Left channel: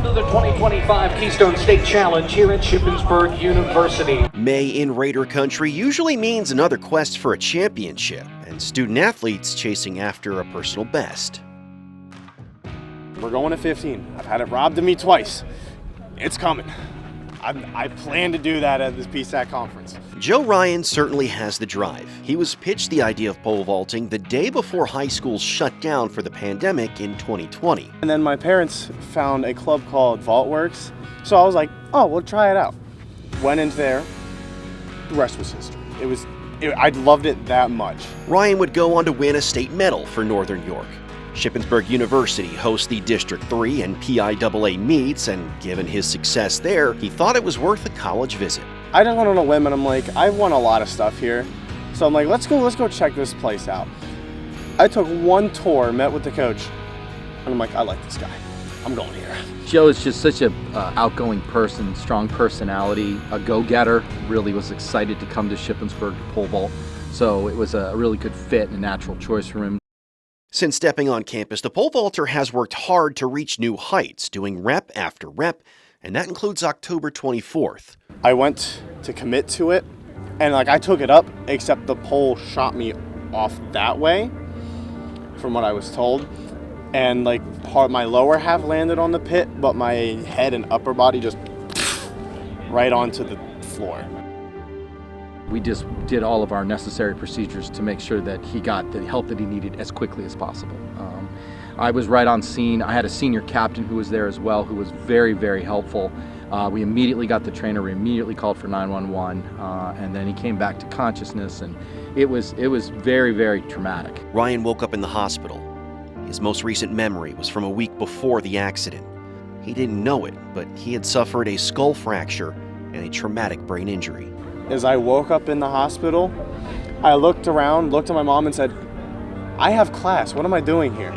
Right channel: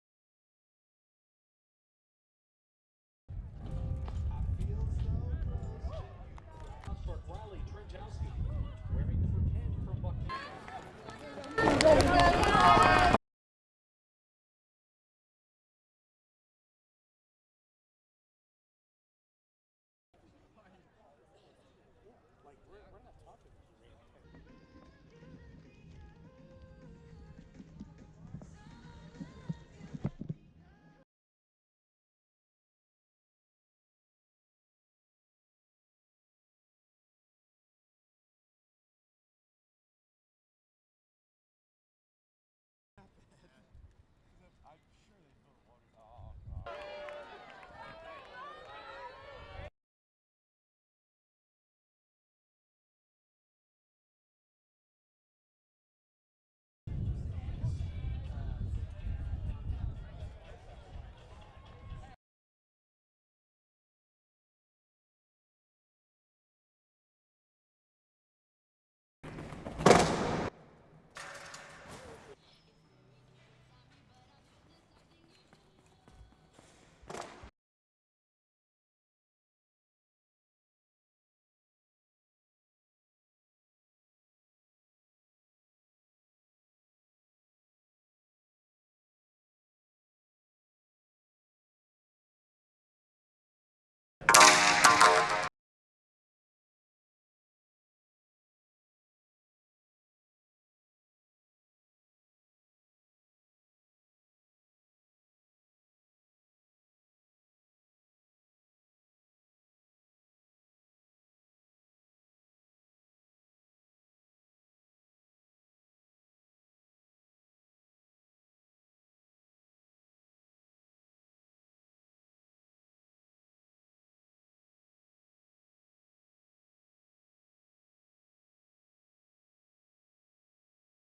Welcome to the 2025 Keystone State Challenge here at Shippensburg University. May in Raider Country usually means another quest for a championship, and student athletes chasing after a personal best. We're going to 15. I've had it robbed of me twice. It's coming. I plan to do that at this PSAC conference. Joe Ryan certainly has the drive. He was pitched the idea of pole vaulting the day before high school shut down for the pandemic in 2020. And then my parents found a club called VaultWorks. So I was like, oh, we'll try it out. Went into there. The rest was history. I loved it that much. Ryan would go on to win a state medal for Northern York. Shippensburg University hosts the District 3 and PIAA meets, and given his success there, he thought it was worth a college visit. I just went on a whim and I'm like, I've won a lot of stuff here. So I'm like, let's go check this place out. I took one tour, met with the coach, and I'm like, I like this guy. I'm going here. Joe is just such a outgoing person, strong personality, a go-getter. Really was excited to come to Shippensburg to pole vault. So it was a really good fit and a natural choice for him. Since stepping on campus, the pole vaulter has worked hard to reach new heights, doing rep after rep, and that includes October 24th. I went to commit to it, and I took it up, except the pole shot me off that way, from what I was told. And my lower half landed on the pit, but my head and upper body just right onto the floor. We just did all of our necessary procedures to make sure that he got the help that he needed as quickly as possible. I was right on scene. I had a senior captain who was there as well, who was very, very helpful. We immediately got the trainer, we immediately called for 911, and then he came back to consciousness, and it was very, very traumatic. Ryan woke up in the hospital. His most recent memory was from a week before the accident. He didn't know it, but he had suffered a skull fracture and a traumatic brain injury. As I woke up in the hospital, I looked around, looked at my mom and said, I have class, what am I doing here?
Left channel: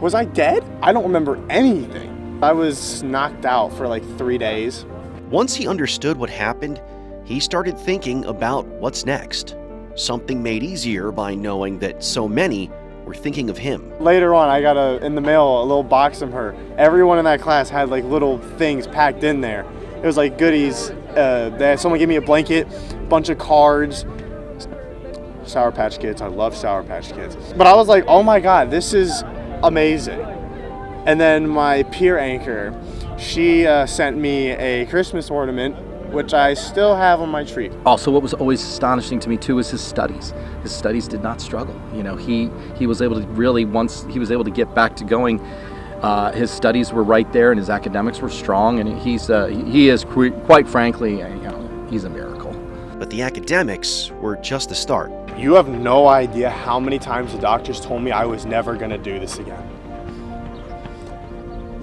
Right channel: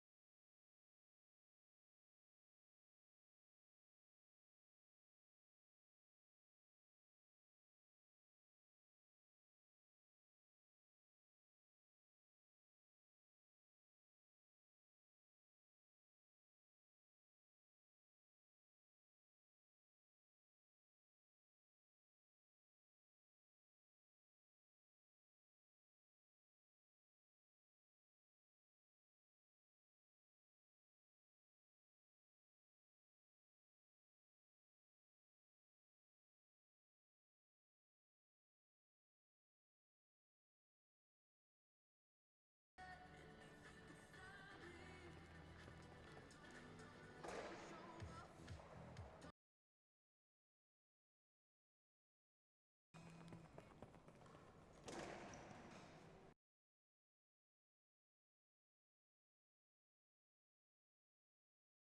Was I dead? I don't remember anything. I was knocked out for 3 days. Once he understood what happened, he started thinking about what's next. Something made easier by knowing that so many were thinking of him. Later on, I got in the mail a little box from her. Everyone in that class had little things packed in there. It was goodies. Someone gave me a blanket, bunch of cards, Sour Patch Kids. I love Sour Patch Kids. But I was like, oh my God, this is amazing. And then my peer anchor, she sent me a Christmas ornament, which I still have on my tree. Also, what was always astonishing to me too is his studies. His studies did not struggle. He was able to really, once he was able to get back to going, his studies were right there and his academics were strong, and he is quite frankly, he's a miracle. But the academics were just the start. You have no idea how many times the doctors told me I was never gonna do this again.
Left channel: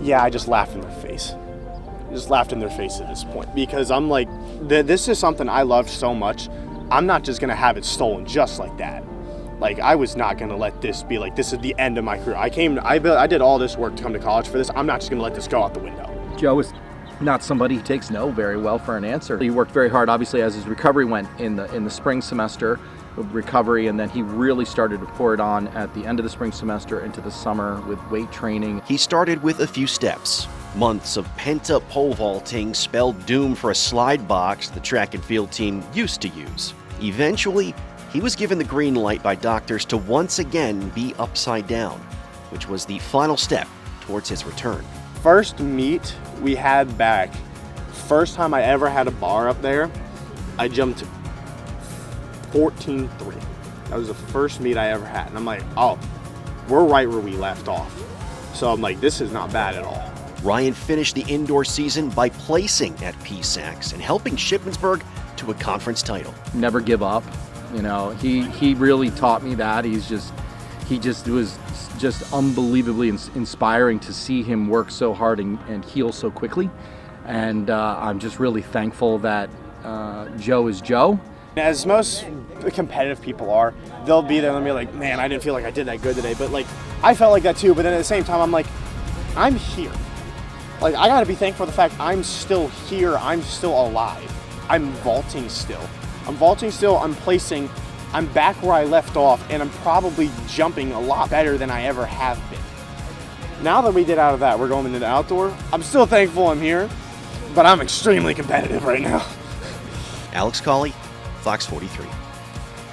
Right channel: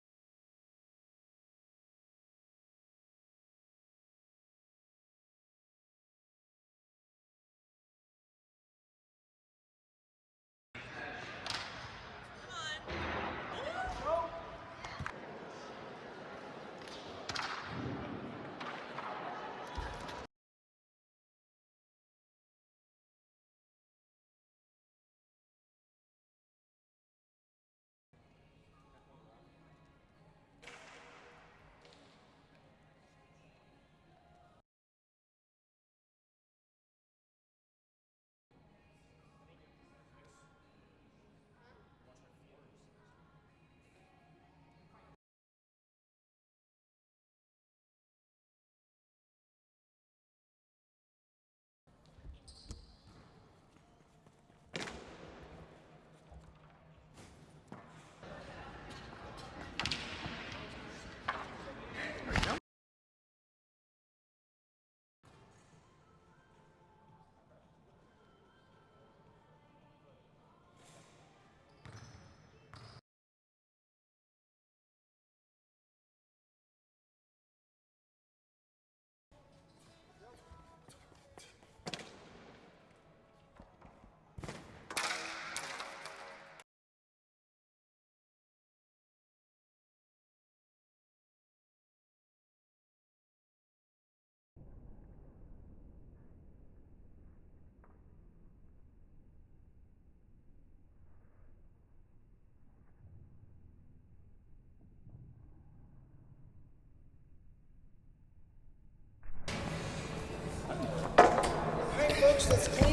Yeah, I just laughed in their face. I just laughed in their face at this point, because I'm like, this is something I loved so much. I'm not just gonna have it stolen just like that. I was not gonna let this be this is the end of my career. I did all this work to come to college for this. I'm not just gonna let this go out the window. Joe is not somebody who takes no very well for an answer. He worked very hard, obviously, as his recovery went in the spring semester of recovery, and then he really started to pour it on at the end of the spring semester into the summer with weight training. He started with a few steps. Months of pent-up pole vaulting spelled doom for a slide box the track and field team used to use. Eventually, he was given the green light by doctors to once again be upside down, which was the final step towards his return. First meet we had back, first time I ever had a bar up there, I jumped 14.3. That was the first meet I ever had. And I'm like, oh, we're right where we left off. So I'm like, this is not bad at all. Ryan finished the indoor season by placing at PSACs and helping Shippensburg to a conference title. Never give up. He really taught me that. He was just unbelievably inspiring to see him work so hard and heal so quickly. And I'm just really thankful that Joe is Joe. As most competitive people are, they'll be there and they'll be like, man, I didn't feel like I did that good today. But I felt like that too. But then at the same time, I'm like, I'm here. I gotta be thankful for the fact I'm still here. I'm still alive. I'm vaulting still. I'm placing, I'm back where I left off, and I'm probably jumping a lot better than I ever have been. Now that we get out of that, we're going into the outdoor. I'm still thankful I'm here, but I'm extremely competitive right now. Alex Colley, Fox 43.